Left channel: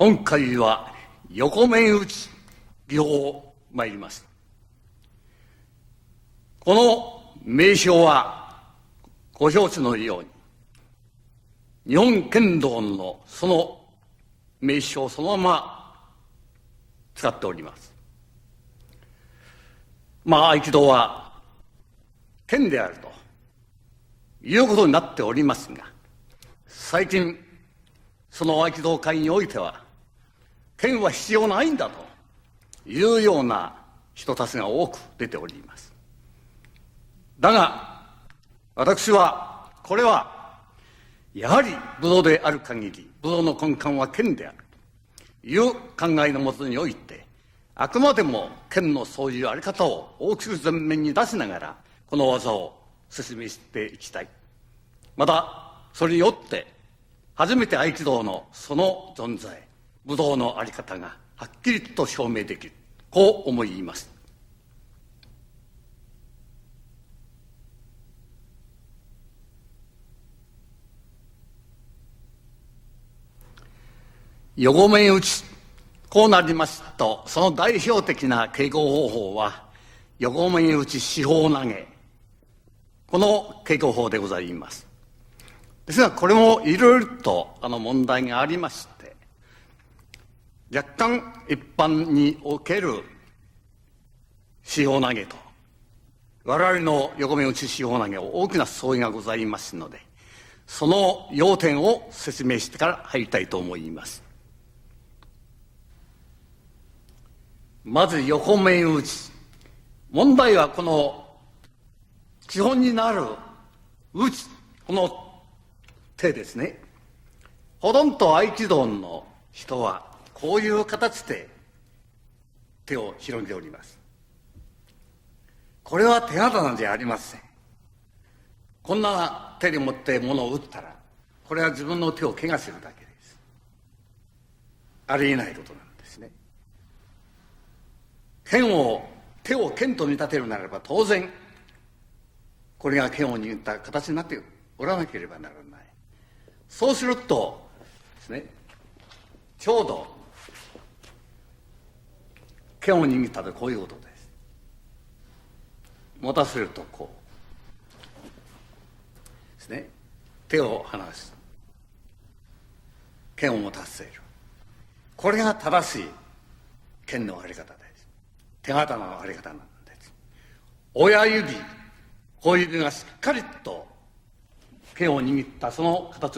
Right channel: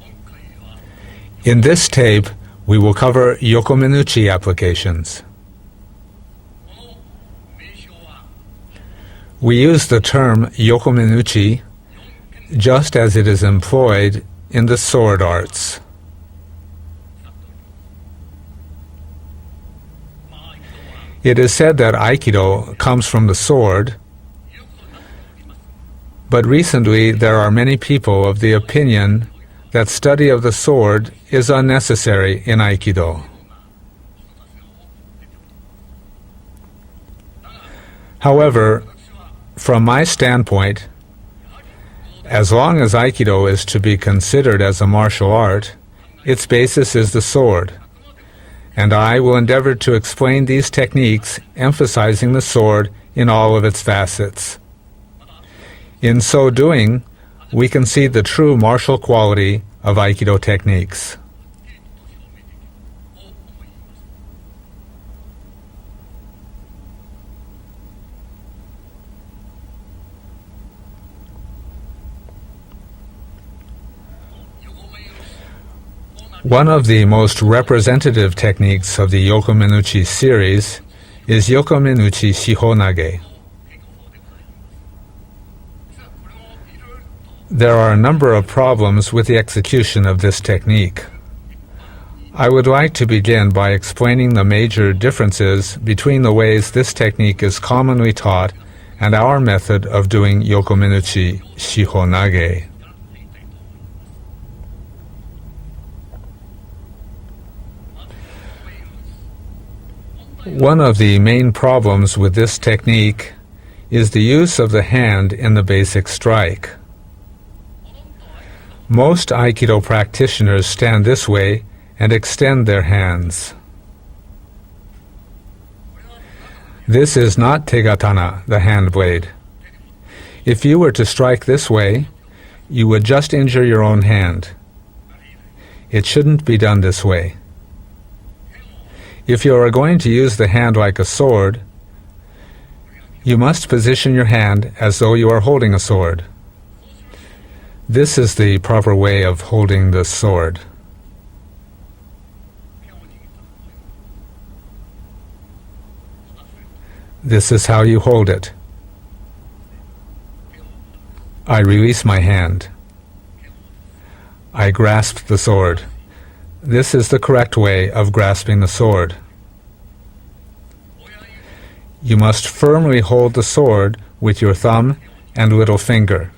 In this tape, we will cover Yokomenuchi applications. We use the term Yokomenuchi just as it is employed in the sword arts. It is said that Aikido comes from the sword, but recently there are many people of the opinion that study of the sword is unnecessary in Aikido. However, from my standpoint, as long as Aikido is to be considered as a martial art, its basis is the sword, and I will endeavor to explain these techniques emphasizing the sword in all of its facets. In so doing, we can see the true martial quality of Aikido techniques. One of the most representative techniques of the Yokomenuchi series is Yokomenuchi Shihonage. There are a number of problems with the execution of this technique. I would like to begin by explaining the major differences between the ways this technique is commonly taught and our method of doing Yokomenuchi Shihonage. One of the main problems with this technique is the use of the hand in the basic strike. Most Aikido practitioners stand this way and extend their hands. This is not tegatana, the hand blade. If you were to strike this way, you would just injure your own hand. It shouldn't be done this way. If you are going to use the hand like a sword, you must position your hand as though you are holding a sword. This is the proper way of holding the sword. This is how you hold it. I release my hand. I grasp the sword. This is the correct way of grasping the sword. You must firmly hold the sword with your thumb and little finger.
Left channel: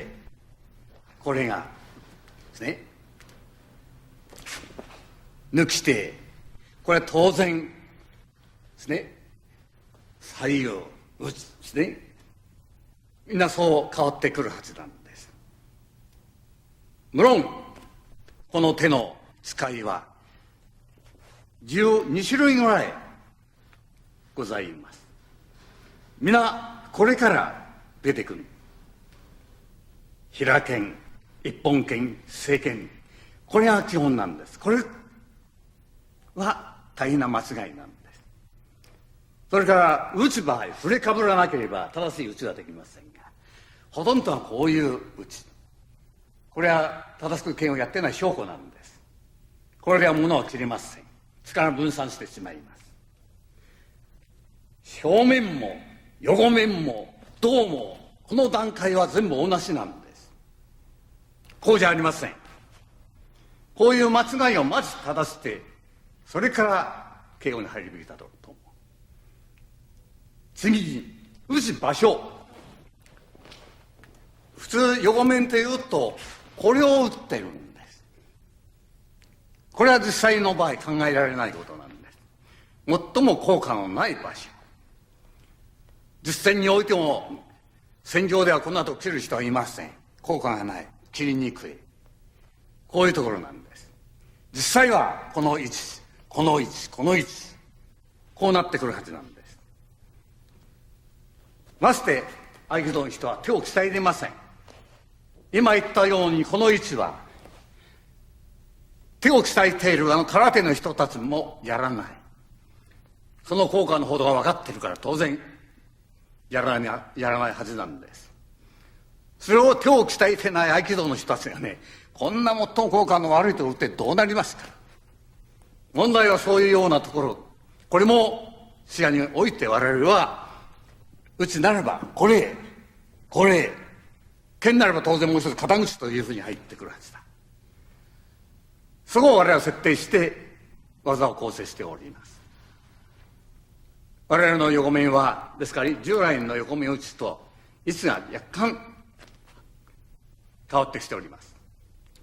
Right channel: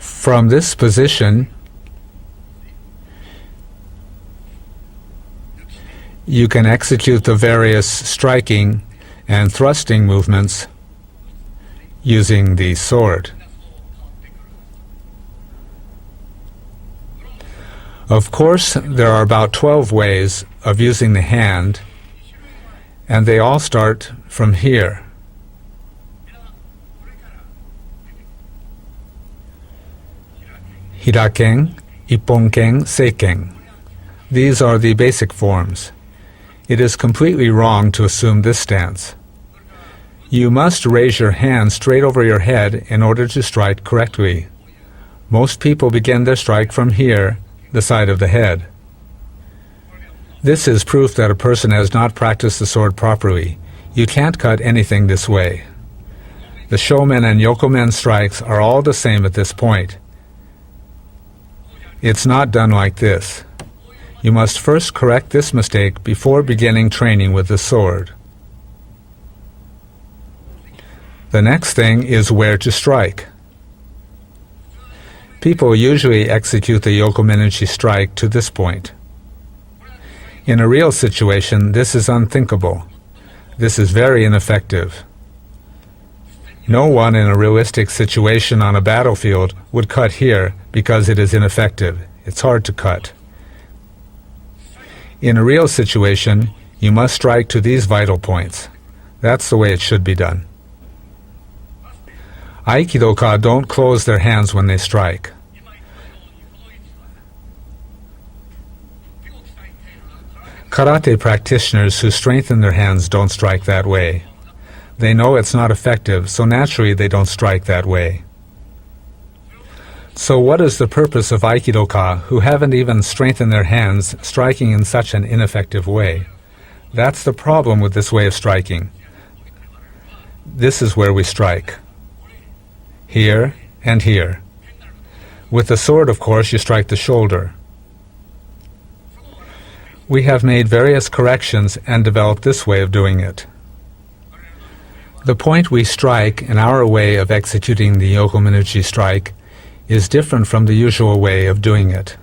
From this position, you can execute the various striking and thrusting movements using the sword. Of course, there are about 12 ways of using the hand, and they all start from here. Hiraken, Ipponken, Seiken. These are the basic forms. It is completely wrong to assume this stance. You must raise your hand straight over your head in order to strike correctly. Most people begin their strike from here, the side of the head. This is proof that a person has not practiced the sword properly. You can't cut anything this way. The shomen and yokomen strikes are all the same at this point. It's not done like this. You must first correct this mistake before beginning training with the sword. The next thing is where to strike. People usually execute the Yokomenuchi strike to this point. In a real situation, this is unthinkable. This is very ineffective. No one in a realistic situation on a battlefield would cut here because it is ineffective. It's hard to cut. In a real situation, you must strike to these vital points. That's the way it should be done. Aikidoka don't close their hands when they strike. Karate practitioners who strengthen their hands don't strike that way. They know it's not effective, so naturally they don't strike that way. So what is the purpose of Aikido-ka, who haven't even strengthened their hands, striking in such an ineffective way? That's the problem with this way of striking. This is where we strike. Here and here. With the sword, of course, you strike the shoulder. We have made various corrections and developed this way of doing it. The point we strike in our way of executing the Yokomenuchi strike is different from the usual way of doing it.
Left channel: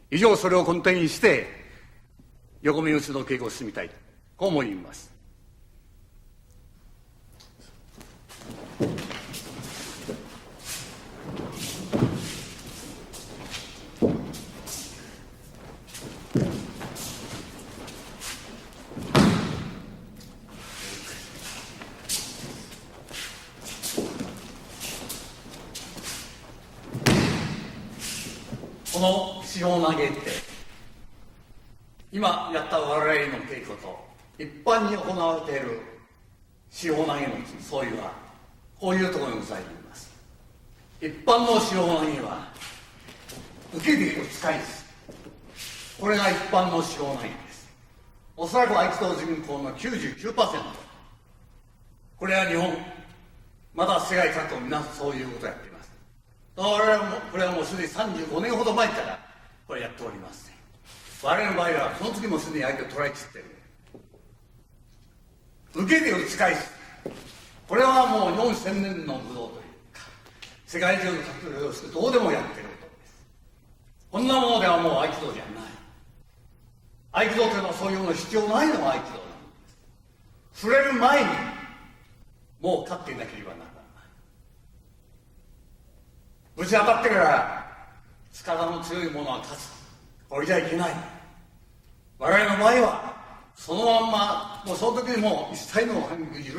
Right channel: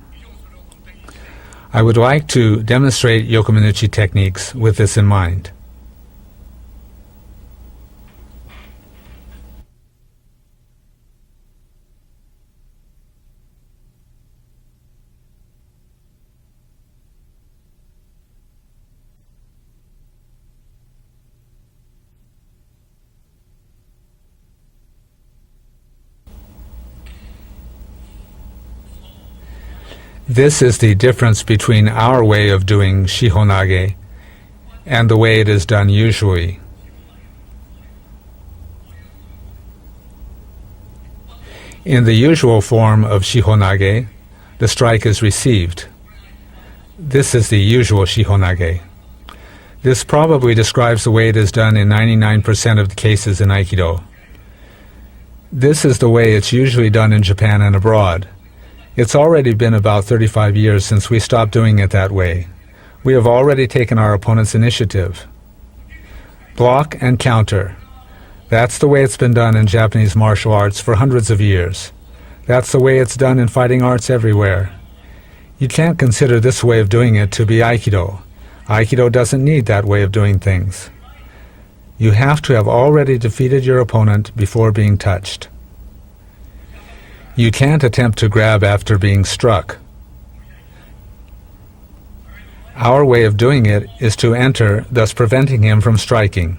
I would like to demonstrate Yokomenuchi techniques with this in mind. This is the difference between our way of doing shihonage and the way it is done usually. In the usual form of shihonage, the strike is received. This is the usual shihonage. This probably describes the way it is done in 99% of the cases in Aikido. This is the way it's usually done in Japan and abroad. It's already been about 35 years since we stopped doing it that way. We have already taken our opponent's initiative. Block and counter. That's the way it's been done in Japanese martial arts for hundreds of years. That's the way it's done in fighting arts everywhere. You can't consider this way of doing it to be Aikido. Aikido doesn't need that way of doing things. You have to have already defeated your opponent before being touched. You can't attempt to grab after being struck. Our way of doing it is to enter, thus preventing him from striking.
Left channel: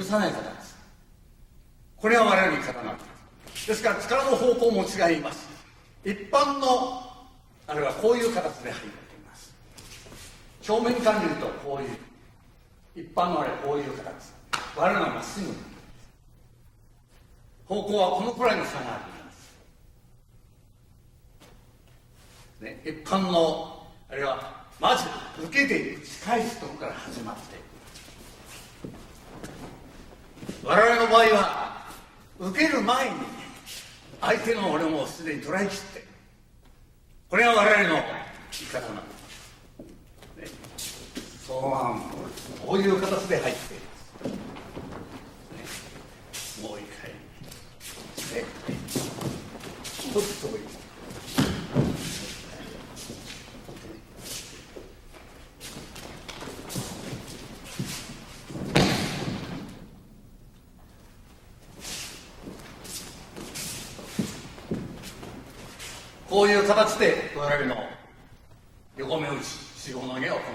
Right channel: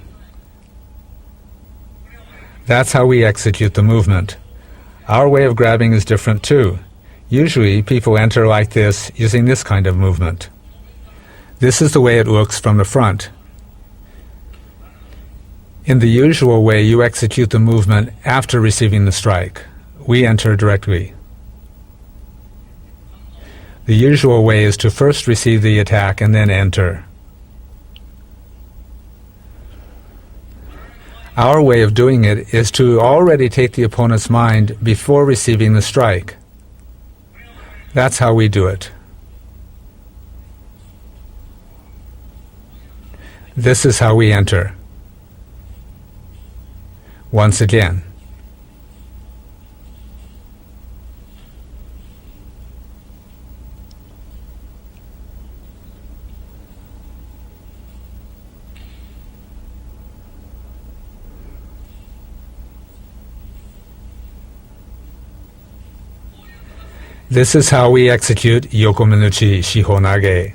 That's how we execute the movement. Our way of grabbing is different too. Usually people enter like this, using this kind of movement. This is the way it looks from the front. In the usual way, you execute the movement after receiving the strike. We enter directly. The usual way is to first receive the attack and then enter. Our way of doing it is to already take the opponent's mind before receiving the strike. That's how we do it. This is how we enter. Once again. This is how we execute Yokomenuchi Shihonage.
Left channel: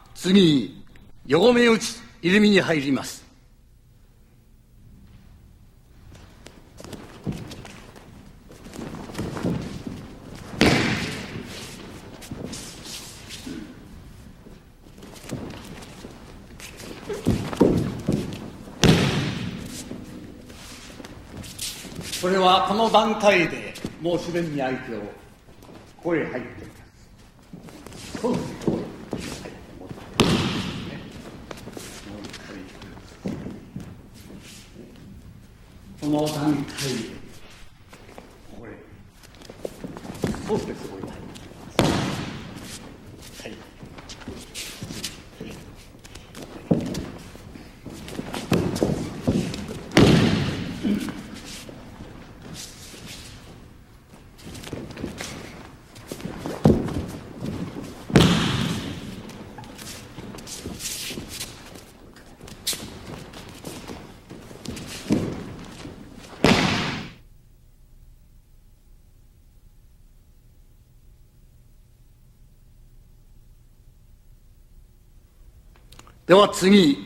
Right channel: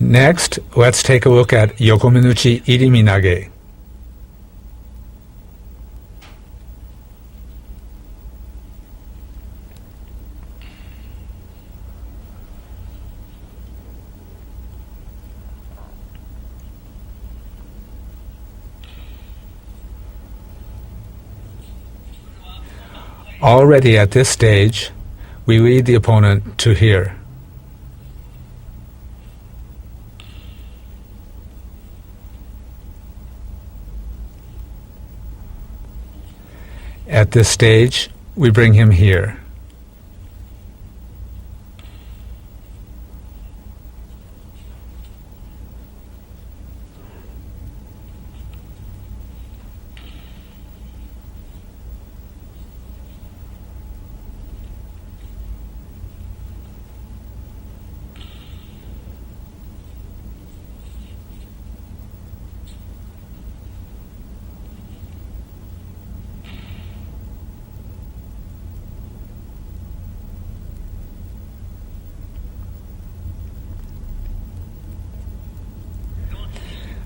Next, let's take a look at Yokomenuchi Iriminage. Already at this stage, we lead the opponent to here. At this stage, we bring him here.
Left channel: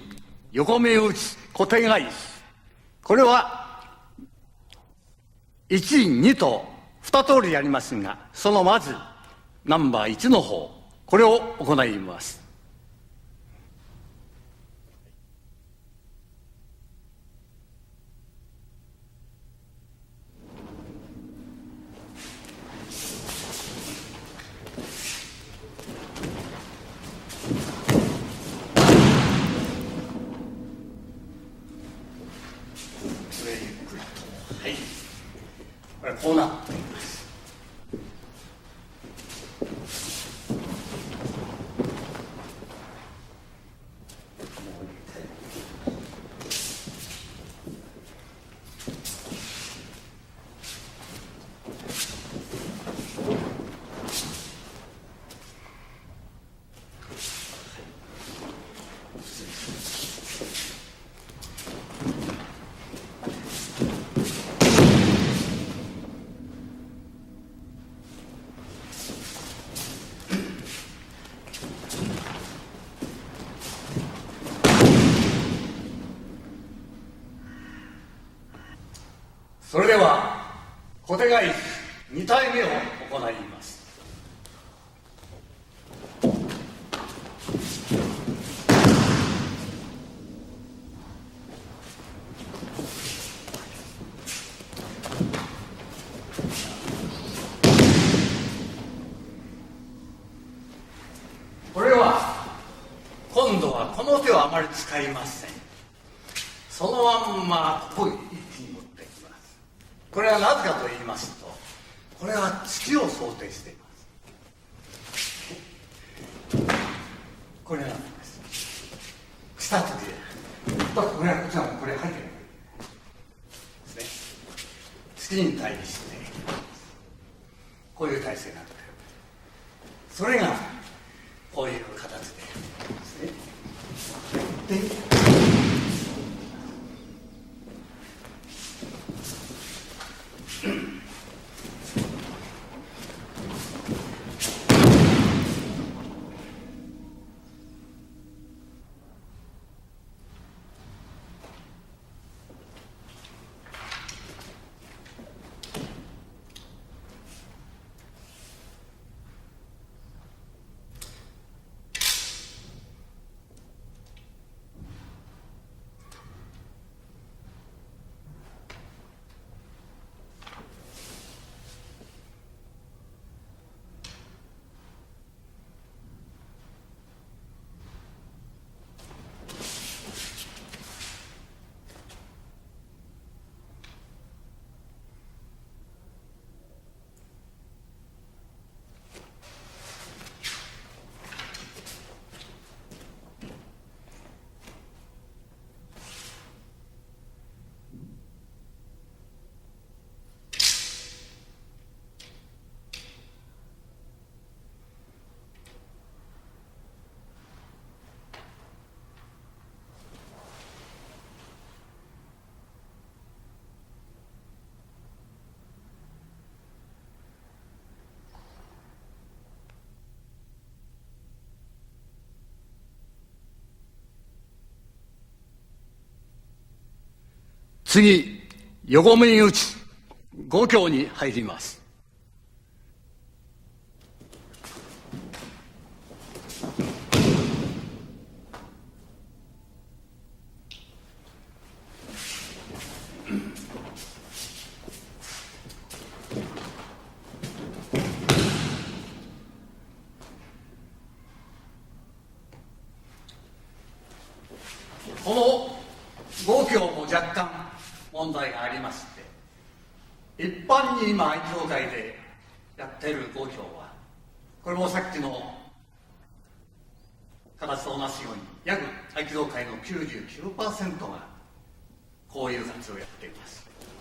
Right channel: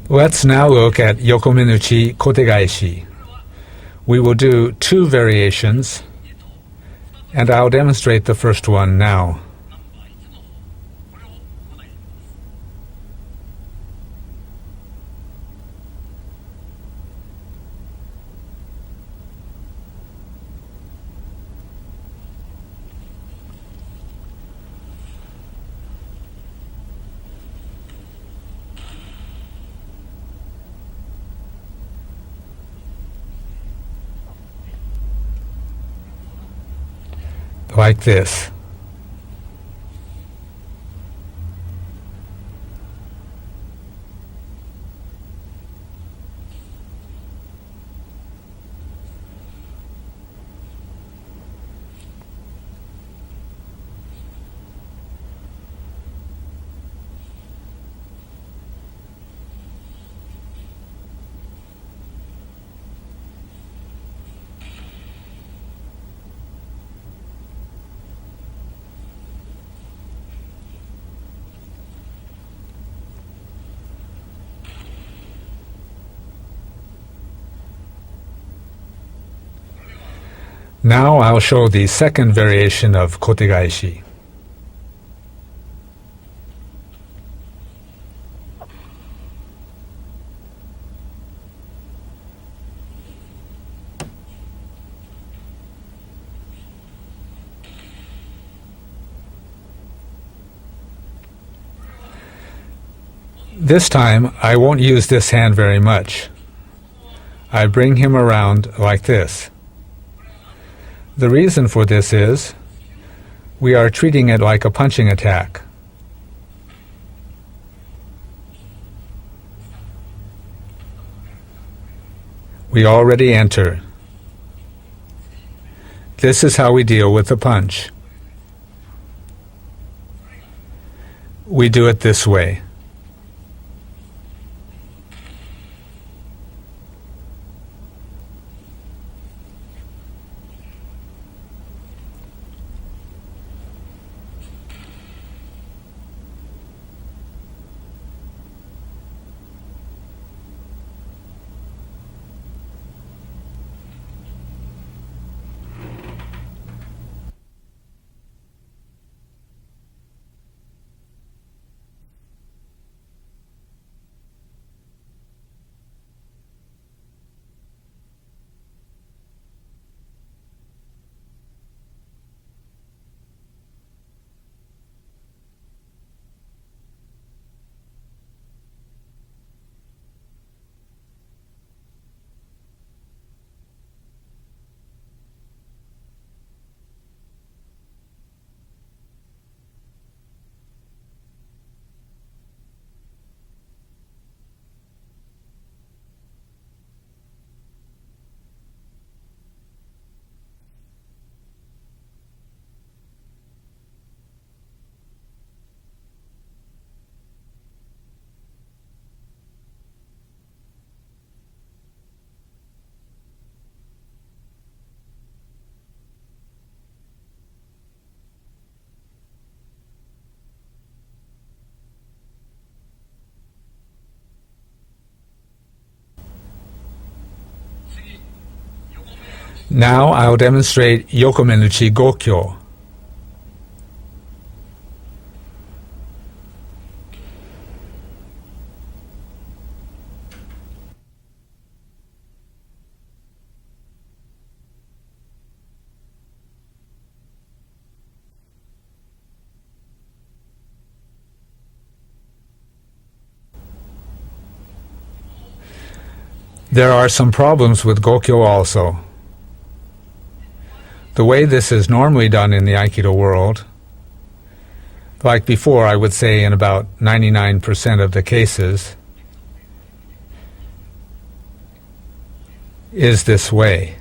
Let's now look at Yokomenuchi Kotegaeshi. We will do two variations. And I'll demonstrate the first one now. ナンバー1の方、これを行います。Like this. Now I'll show the second variation of kotegaishi. This time, I won't use this hand very much. I bring him around like this. The reason for this is we are treating it like a punching attack. We already enter. This is how we deal with the punch. We do it this way. Now I'll demonstrate Yokomenuchi Gokyo. There are some problems with Gokyo also. The way this is normally done in the Aikido world, like before, I would say in about 99% of the cases, is this way.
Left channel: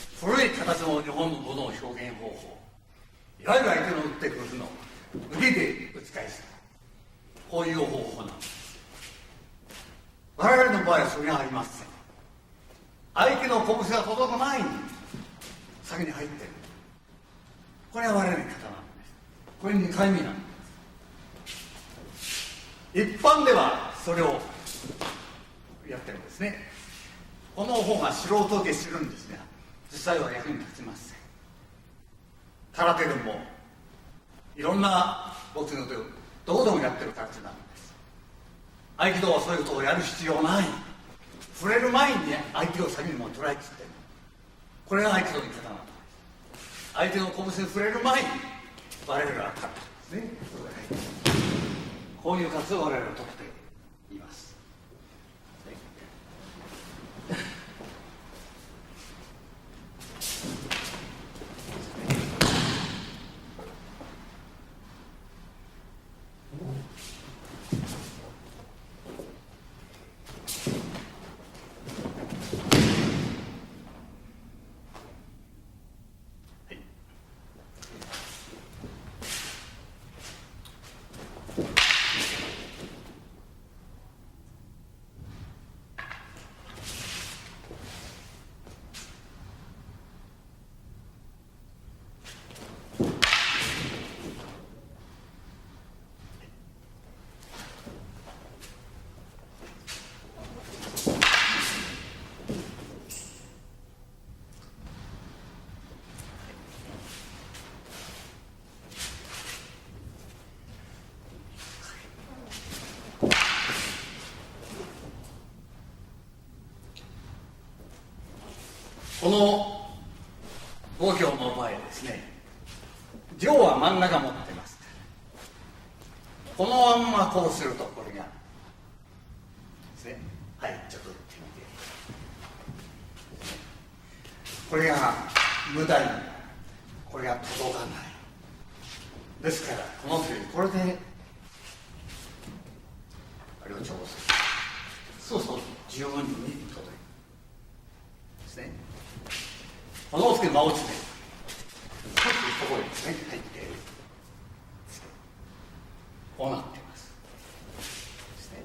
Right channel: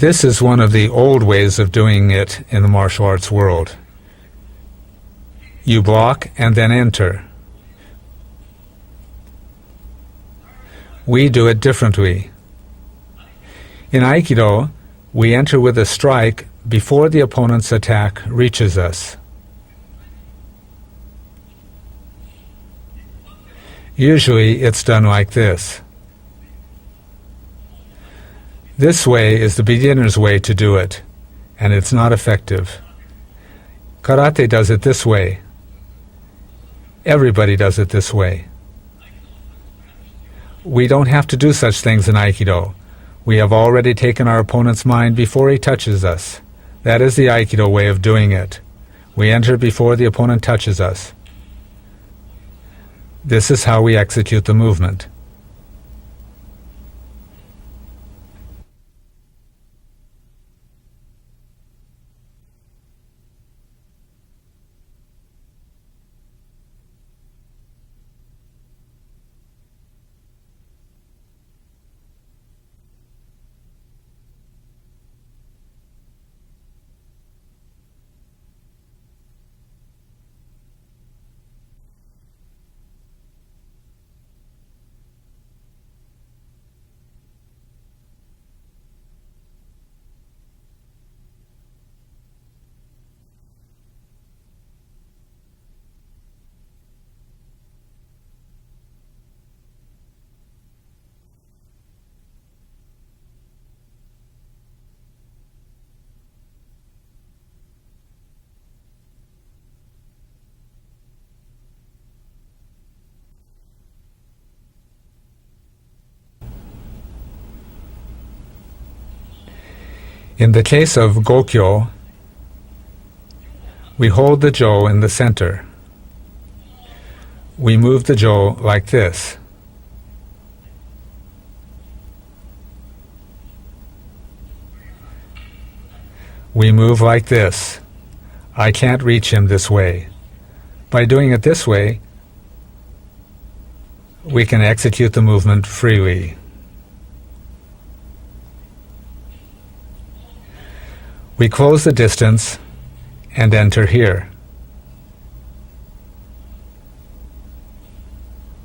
This is one of the old ways of doing it in the martial arts world. You block and then enter. We do it differently. In Aikido, we enter with a strike before the opponent's attack reaches us. 一般では Usually, it's done like this. やってるんですね。この方が素人受け This way is the beginner's way to do it, and it's not effective. 空手でも Karate does it this way. ボクシングでもどこでもやってる。 Everybody does it this way. 合気道はそういうことをやる必要ない。 We don't have to do such things in Aikido. We have already taken our opponent's mind before he touches us. That is the Aikido way of doing it. We enter before the opponent touches us. こういう活動を我々はと This is how we execute the movement. In the case of Gokyo, 上は真ん we 中 hold the jo in the center. このまんまこうする We move the jo like this. ですね。はい、ちょっと打ってみて。これが無駄に We move like this. I can't reach him this way. これで By doing it this way, あれを調整 we can execute the movement freely. ですね。このつけ間をつけ We close the distance ここですね。 and enter here. こうなっています。ですね。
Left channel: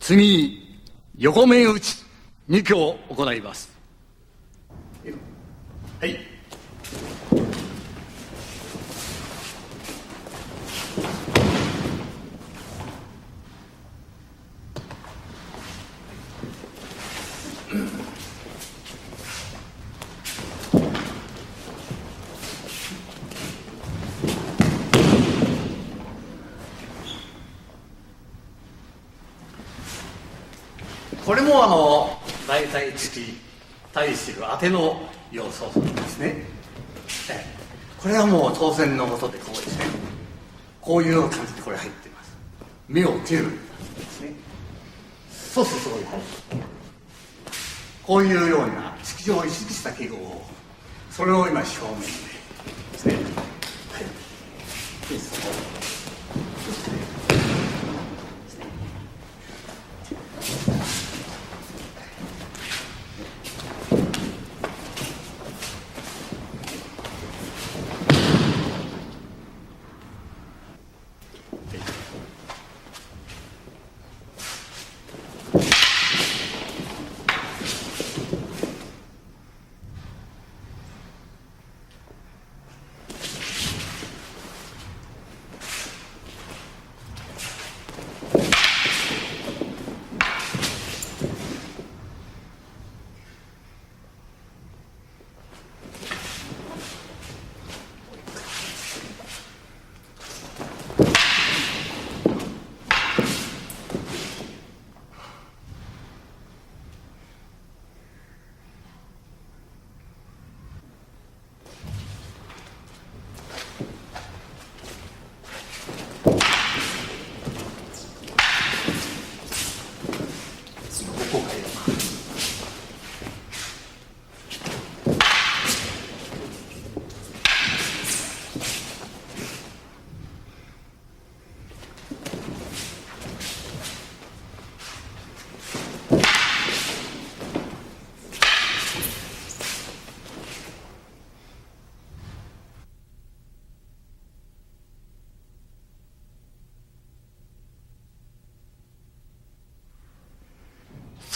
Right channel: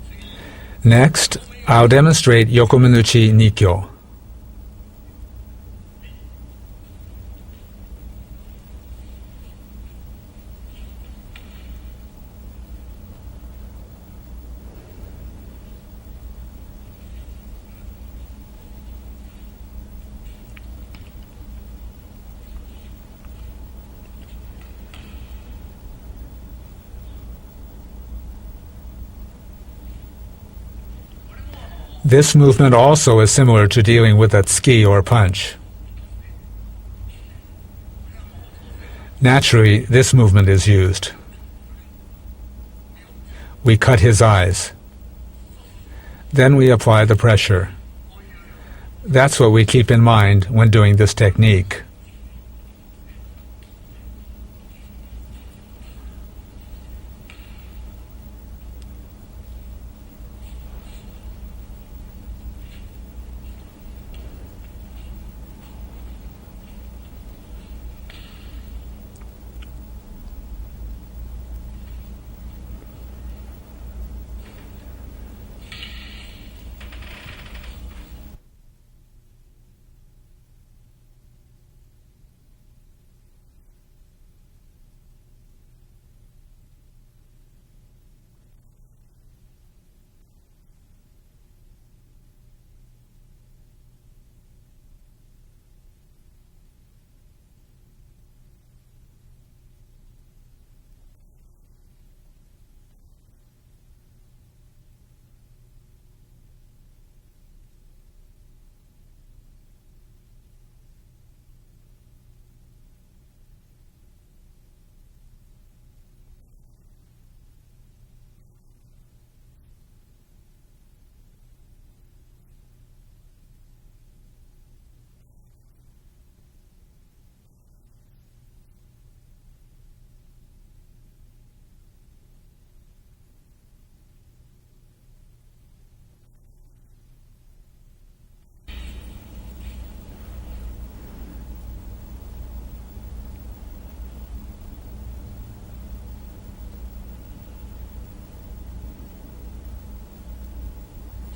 次 Next, I'll demonstrate Yokomenuchi Nikyo. はい。これもThis movement also is similar to dealing with a tsuki or punch. ですね。これはもう当然のこと。 Naturally, this movement is こう used. いう感じでこれ入ってます。目を切る。 We cut his eyes. そうするとこういう感じ Then we apply the pressure. こういうような。 That's what we keep in mind when doing this これを今 technique. 正面でですね。はい。いいですね。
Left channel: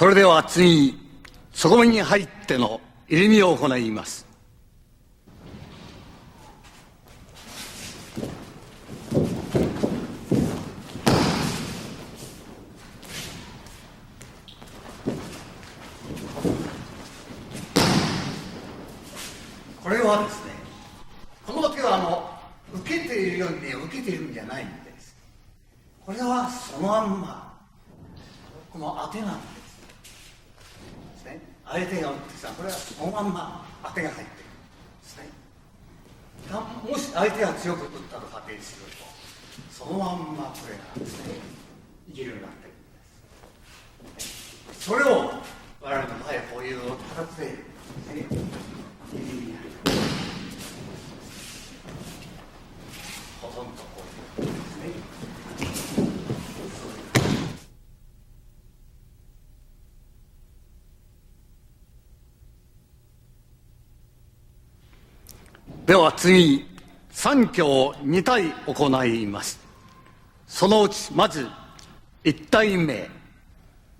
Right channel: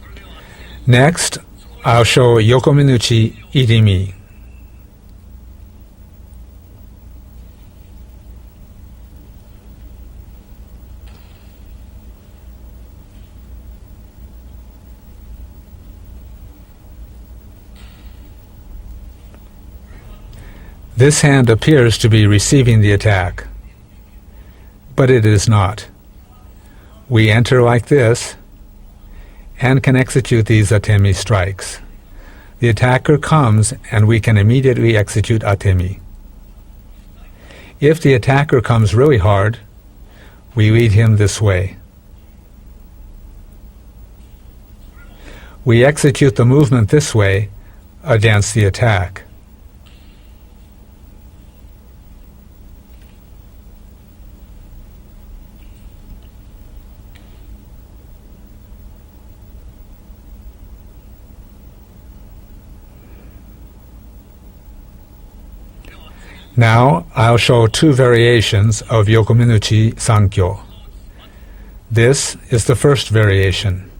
Next, I'll show Yokomenuchi Irimi. This hand appears to be receiving the attack, but it is not. We enter like this and can execute these atemi strikes. The attacker comes and we can immediately execute atemi. If the attacker comes really hard, we lead him this way. We execute the movement this way against the attack. Now, I'll show two variations of Yokomenuchi Sankyo. This is the first variation.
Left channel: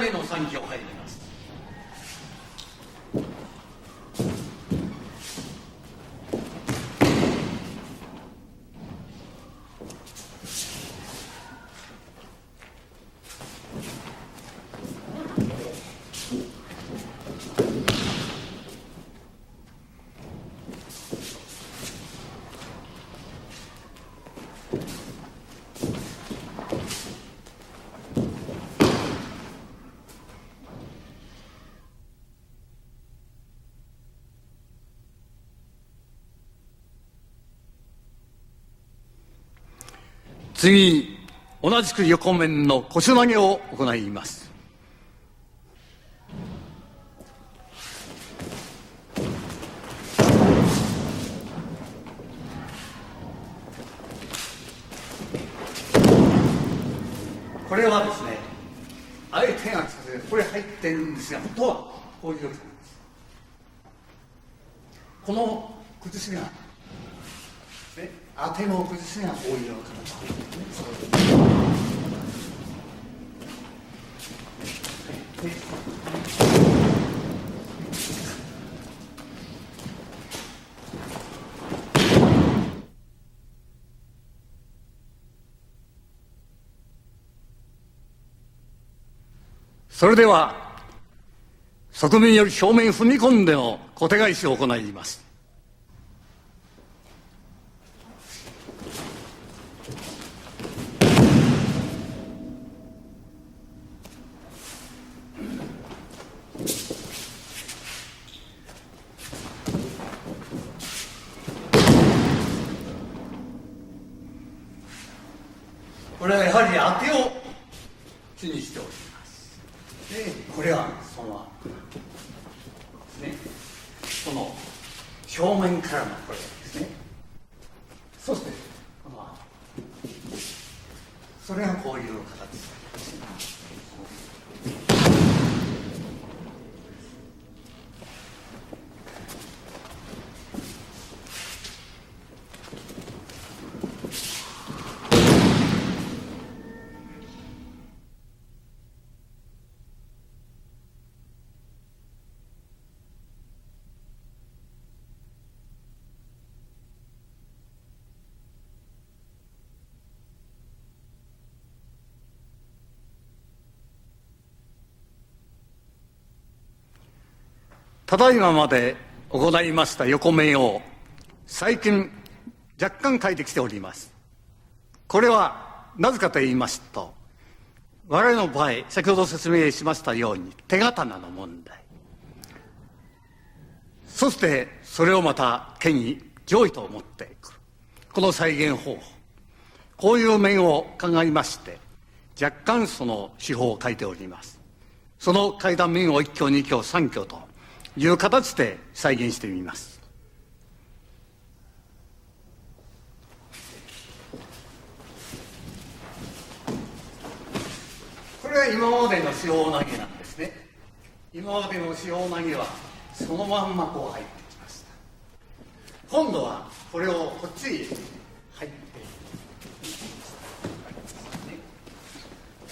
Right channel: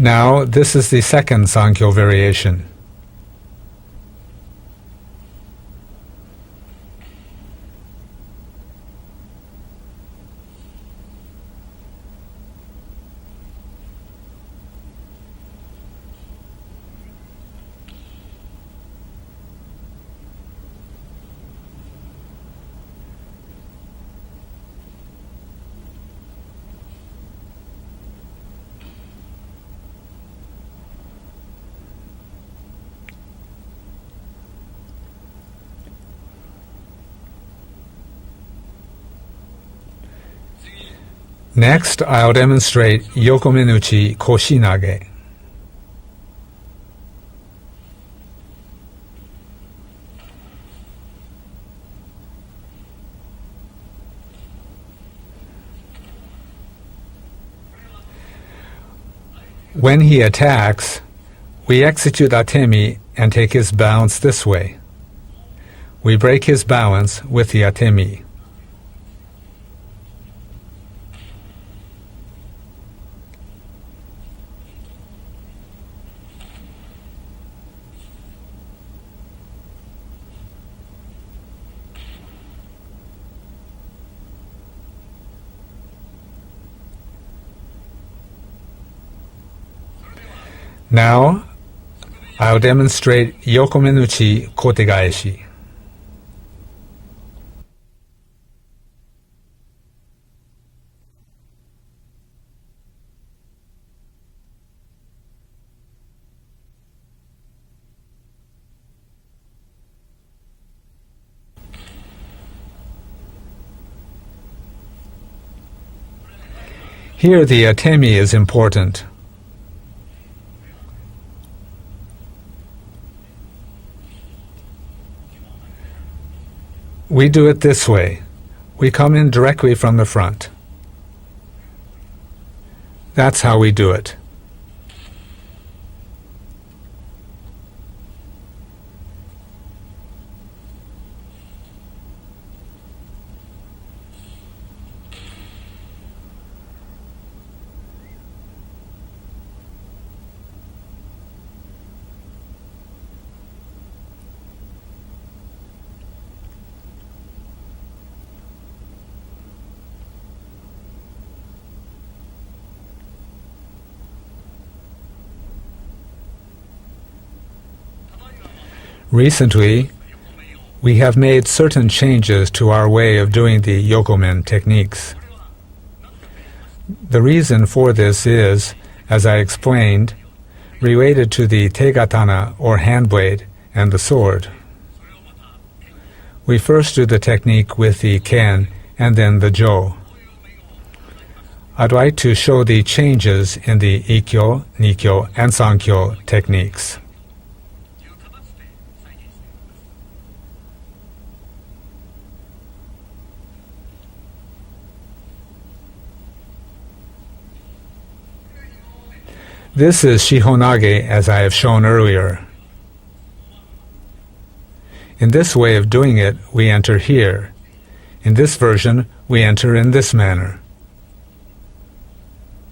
Now, this is the second Sankyo variation. Next, I'll demonstrate Yokomenuchi Koshinage. When he attacks, we execute atemi and take his balance this way. We break his balance with the atemi. Now, I'll demonstrate Yokomenuchi Kotegaeshi. Here the atemi is important. We do it this way. We come in directly from the front. That's how we do it. Recently, we have made certain changes to our way of doing the Yokomen techniques. The reason for this is, as I explained, related to the tegatana or hand blade and the そし sword. てそれをまた剣に We 上位 first do the technique with the ken and then the jo. こういう面を鑑みまして I'd like to show the changes in the Ikkyo, そ Nikkyo, の and 書いた面 Sankyo を一挙二挙 techniques. 三挙という形で再現してみます。これは今までの手法なんです This is Shihonage as I have shown earlier. そのまんまこう入ってきます。 In this way of doing it, we enter here. In this version, we enter in this manner.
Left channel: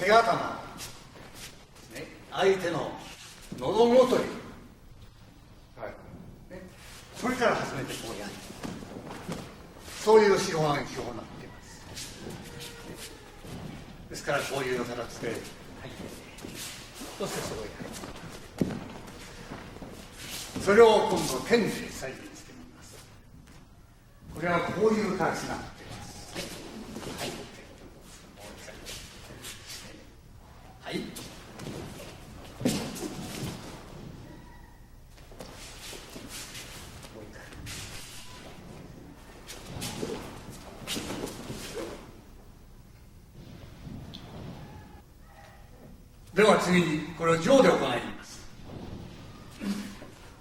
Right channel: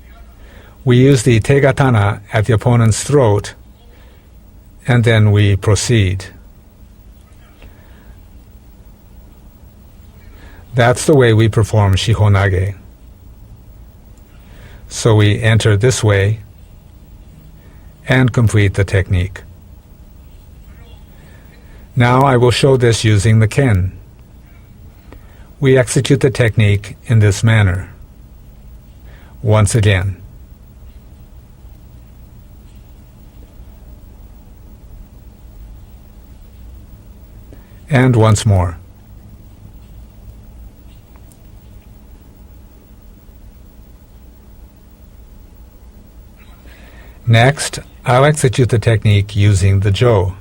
手刀 We use the tegatana at the opponent's throat, 喉元に and then we proceed. それから初めてこうやる。そういう手法なん That's the way we perform Shihonage. ですからこういうのが So we enter this way そしてそこへ入る and complete the technique. それを今度剣で Now I will show this using the ken. これはこういう形だ。 We execute the technique in this manner. Once again. はい。 And once more. では次にこれを Next, 動力がない I'll execute the technique using the jo.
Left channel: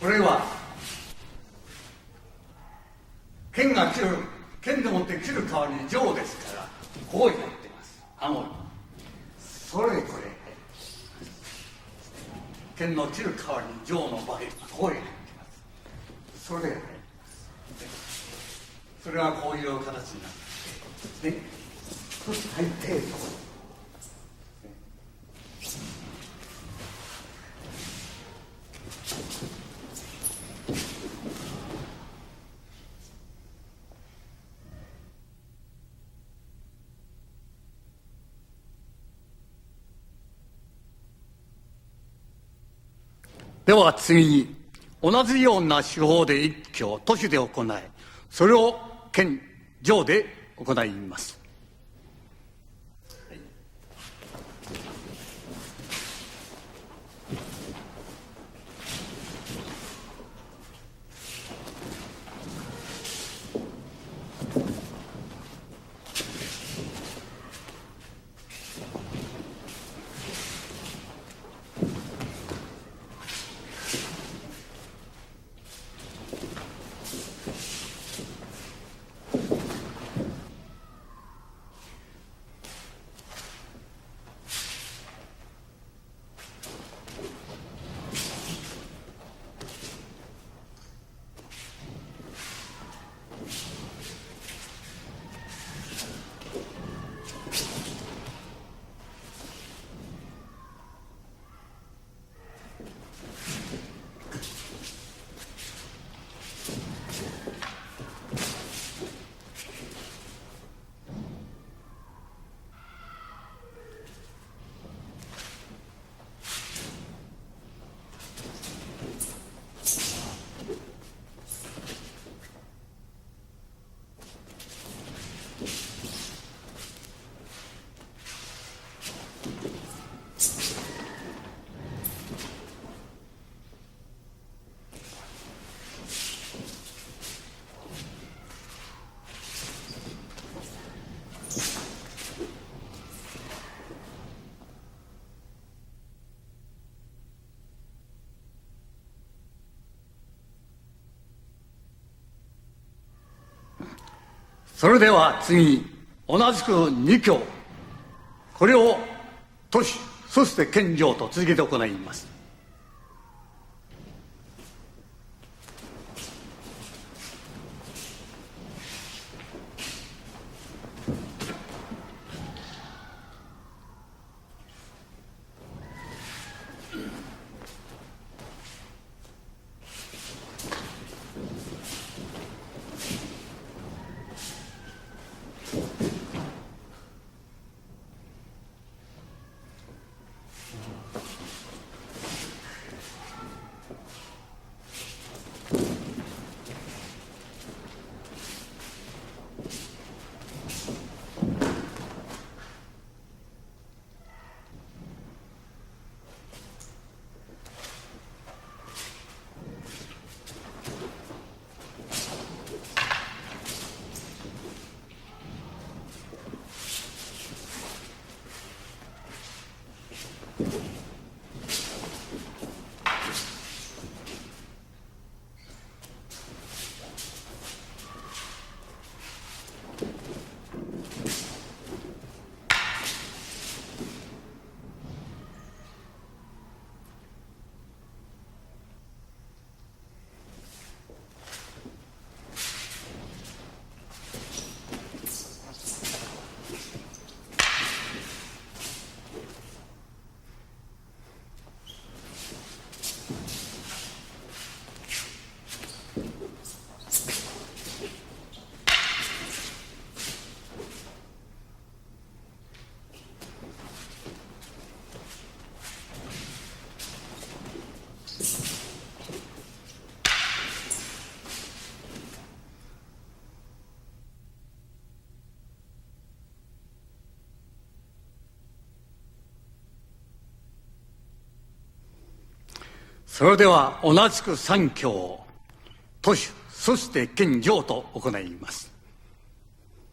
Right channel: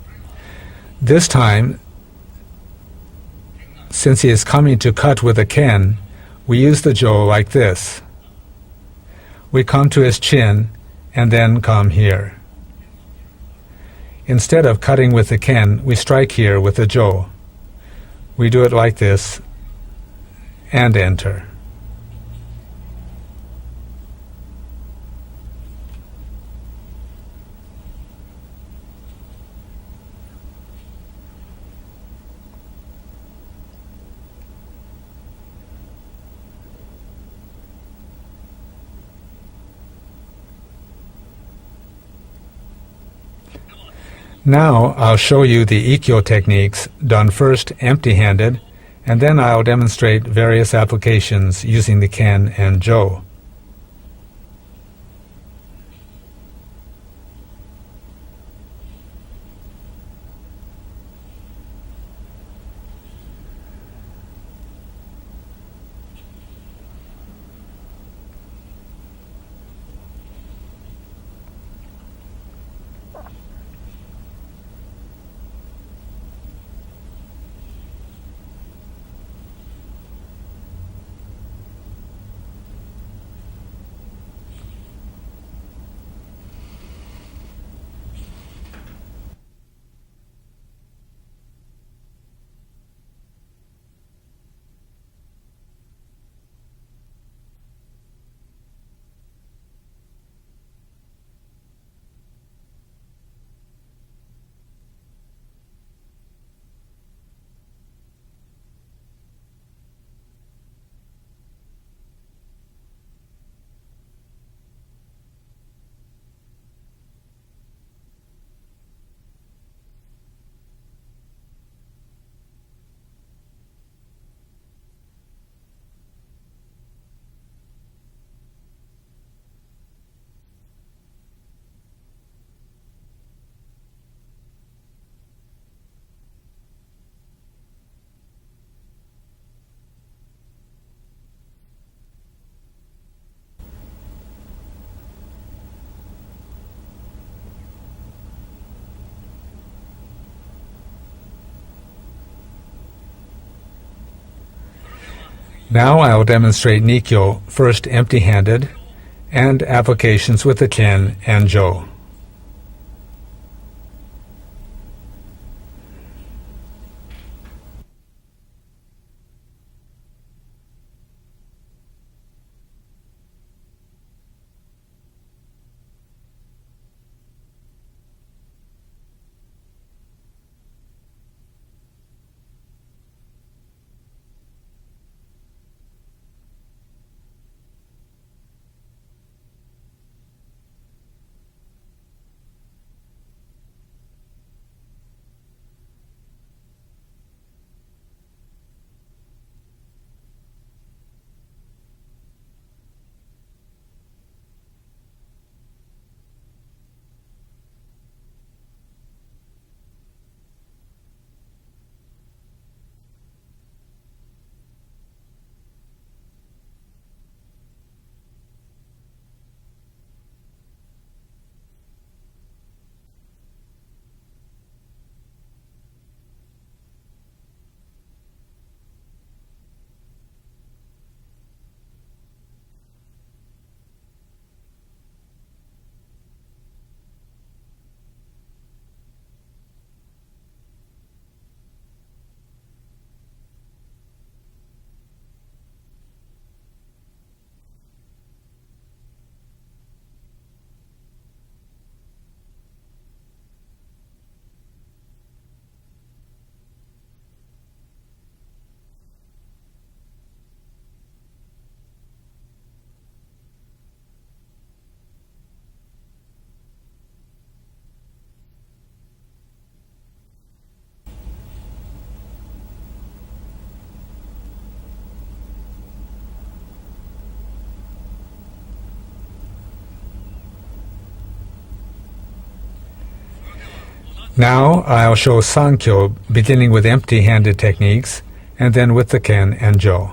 これは This time, 剣が since he is coming to cut with a ken, 上です。 we use the jo like this. 顎 We come to his chin and then come here. 剣の切る代わりに上の Instead of cutting with the ken, we strike here with the jo. We do it like this こういう形になる and enter. そして入って では次に Now I'll show you the Ikkyo techniques done first empty-handed, and then I'll demonstrate various applications using the ken and jo. Now I'll demonstrate Nikkyo, first empty-handed, and applications with the ken and jo. Now I'll show Sankyo beginning with empty-handed techniques and then with the Ken and Jo.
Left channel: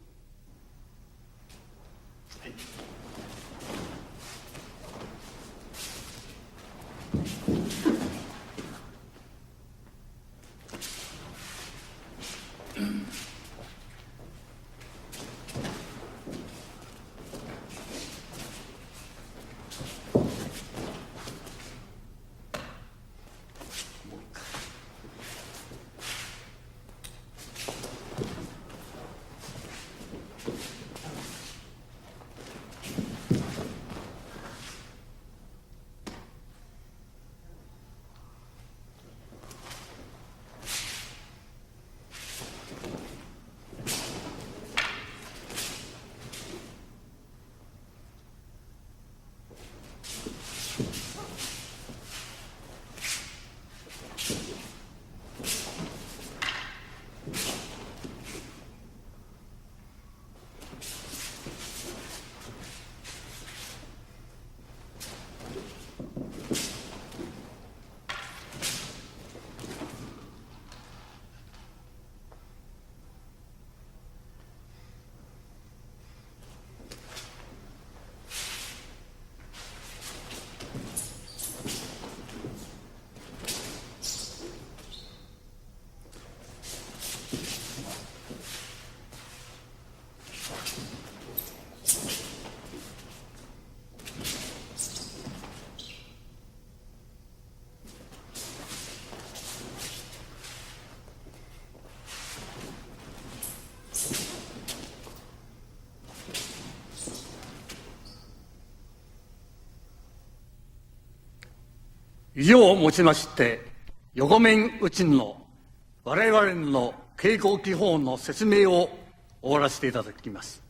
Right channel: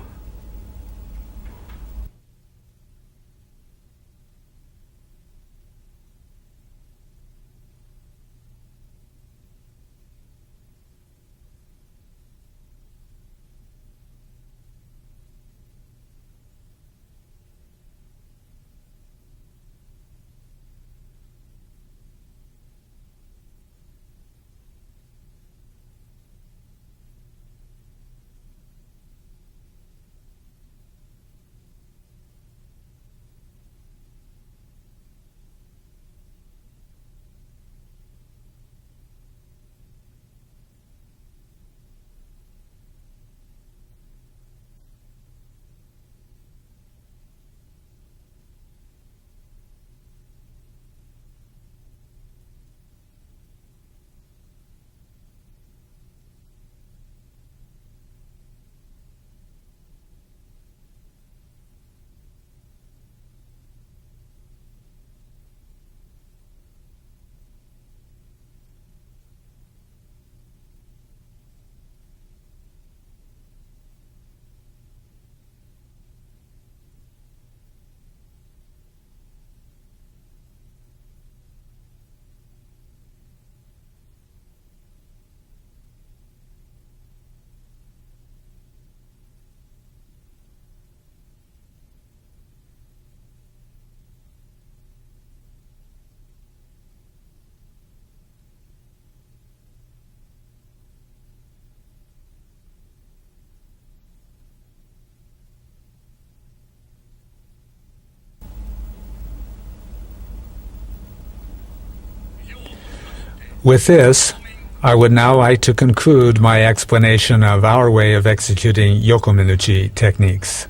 With this, I would now like to conclude my explanation of our way of executing Yokomenuchi techniques.